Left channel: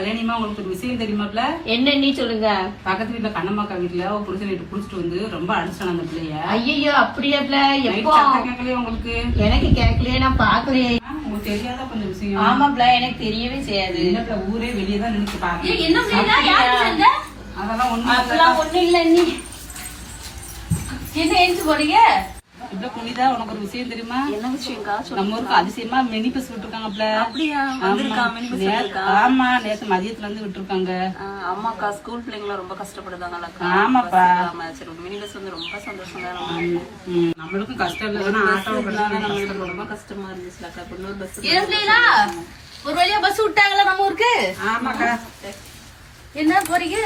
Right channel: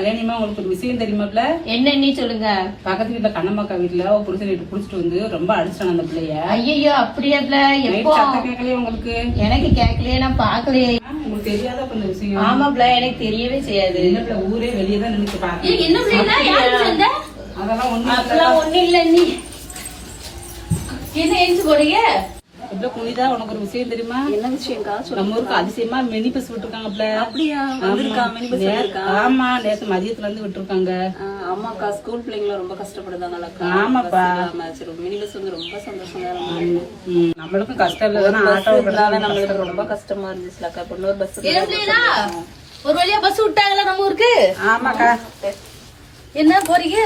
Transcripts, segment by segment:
கல்யாணிமா உங்களுக்கு ஒரு விஷயம் தெரியுமாப்ல? என்ன நீ சொல்லுங்க. பக்கத்து வீட்டுல கண்ணம்மாக்கா வீட்டுல புருஷன் வீட்டு குடிச்சிட்டு வந்து ரொம்ப அடிச்சிட்டான் அந்த பிள்ளைய. ஐயோ அப்படியாப்ல? எப்போ? கேட்கலையே உங்களுக்கு? எனக்கு கேட்கலையே, நான் பாக்கலையே. உங்களுக்கு தெரியாத கொஞ்சம் விஷயம். ஆமாப்ல, எனக்கு தெரியவே செய்யாது. என்ன ஊரே வெளியேதான் நினைச்சு பாருங்க. என்ன பிள்ளைங்க? அதெல்லாம் ஒண்ணு இல்ல. நீ என்ன எழுந்து போறீங்க? எப்ப புனிதா, உனக்கு ஒரு விஷயம் தெரியுமா? என்ன விஷயம்க்கா? நம்ம ஊருக்கு அதிசயமா மினி பஸ் விட்டுருக்காங்கப்ல. அப்படியா? ஆமா, நேத்து மதியத்துல இருந்து விட்டுருக்காங்க. ஆமாக்கா, ஸ்கூல் பிள்ளைங்களும் ரொம்ப கஷ்டப்படுதாங்கல்லக்கா. ஆமாப்பா, சரி, மினி பஸ் வந்து ரொம்ப சந்தோஷம் தான். நம்மளுக்கும் கஷ்டம் இல்ல, ஆட்டோ நம்மளுக்கு ரொம்ப கஷ்டமா இருந்துச்சுலக்கா. இன்னொரு பஸ் ஒரு வழியா பஸ் விட்டாங்களா நம்ம ஊருக்கு? ஆமாக்கா. என்ன போறீங்க?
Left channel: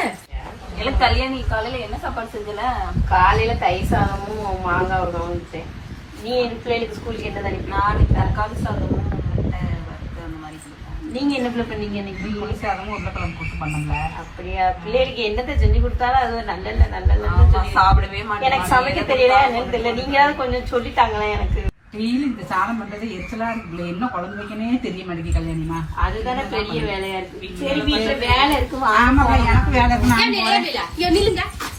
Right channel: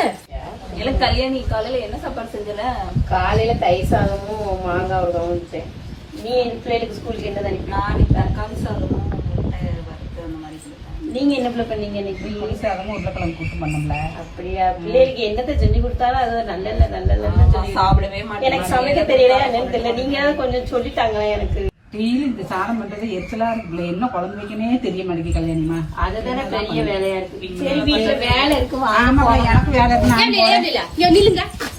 எனக்கு கல்யாணி காலையில என்ன சாப்பாடு செஞ்சல? காலையில தயிர் சாதமும் மாங்காய் ஊறுகாயும் வச்சேன். நீ என் பிள்ளைகளுக்கு ஸ்கூலுக்கு என்ன தானே? நான் தக்காளி சாதமும் முட்டை வறுத்து அந்த மாதிரி கொடுத்தேன். நீங்க என்ன பிள்ளை பண்ணீங்க இன்னைக்கு? புளி சாதமும் உருளைக்கிழங்கு கூட்டு பண்ணோம்ல. அப்படியா? பிள்ளைகளுக்கு என்னத்தை செஞ்சு கொடுத்தாலும் அது நல்ல சாப்பிடவே மாட்டேன். எனக்கு சமைக்க தெரியல, என்னன்னு தெரியல. நீங்களாவது கொஞ்சம் சொல்லிட்டாங்களே எனக்கு. டெய்லி இந்த சாதம் பண்றது எரிச்சலா இருக்குல்ல, என்ன குழம்பு வைக்கனே தெரிய மாட்டேங்குது கல்யாணிமா. அதுதானே பெரிய வேலையா இருக்கு. சரி, வீட்டுல வேலை இருக்கு. ஆமாக்கா, எனக்கு வேலை இருக்கு.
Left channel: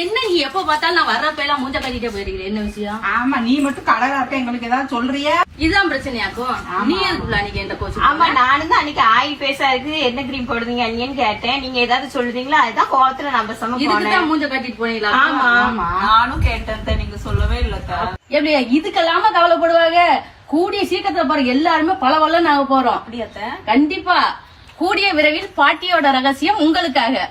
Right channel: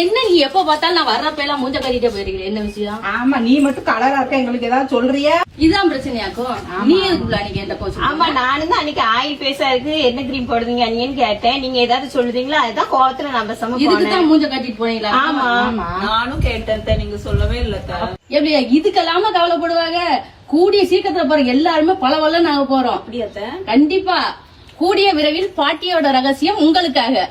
என்ன நீ எப்ப பார்த்தாலும் நான் வர்றப்ப எல்லாம் மூஞ்ச கட்டிட்டே போயிருக்கீங்க, என்ன விஷயம்? ஆமா, நீ மட்டும் கலரா இருக்க, எங்களுக்கு ஏதாவது சொல்றியா? இதுதான் பிரச்சனையாக்கும். நீ எதுக்குள்ள அன்னைக்கு என்ன கோச்சு? ஆமா, நானும் தான் அன்னைக்கு ஆயில் பேஸா இருக்கு, என்ன கிரீம் போடுறீங்க அண்ணின்னு கேட்டேன். நீங்க ஏதாவது சொல்லுதீங்களா? அதுதான் கோவத்துல நம்ம இதுக்குதான் மூஞ்ச கட்டிட்டு போனீங்களா? ஆமா, நானும் கேட்டேன், நீங்க சொல்லவே இல்லக்கா. எப்படியா இதுக்கெல்லாம கவலைப்படுவாங்க? கூடிய சீக்கிரத்துல போற எல்லாருமே பல நாங்க போறோம். அப்படியா? கண்டிப்பா. கூடிய விரைவில் பாட்டியோட ரகசியம் உங்களுக்காக.